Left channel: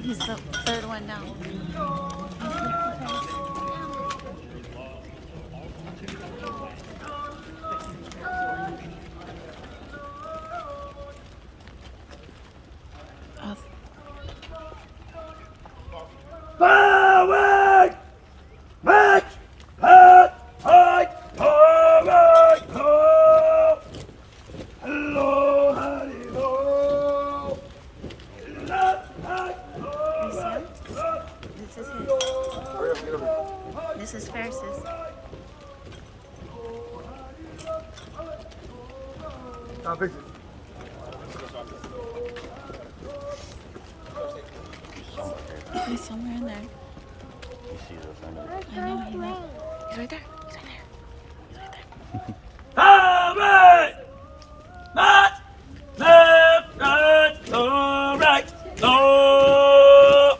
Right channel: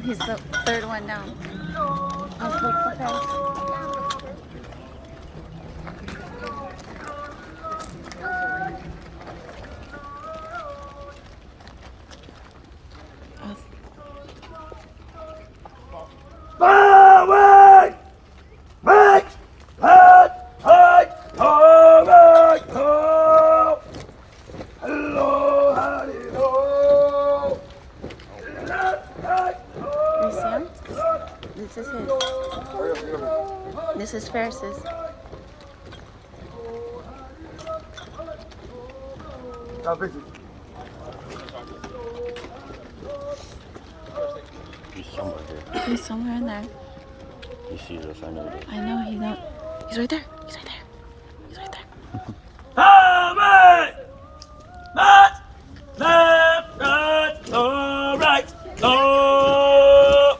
And he's the third one down. Let's look for Ferris. Forward! March! Hard! Hard! Forward! Ho! Hello! Hallelujah! Left! Right! This is his. This is Ferris's. He's somewhere in there. You see this, I know. I know he got. He's right there. He's right there. He's right there. Forward! March! Left! Right! Oh, right! Oh!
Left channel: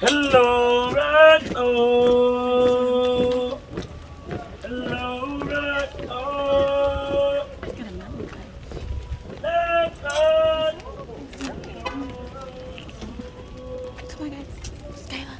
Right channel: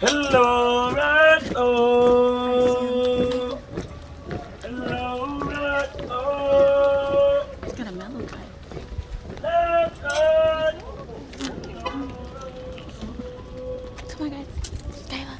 Hello! Right! Oh! Hello! Right! Oh! He's got a melon cut. Left! Right! Come on, guys. Skyla.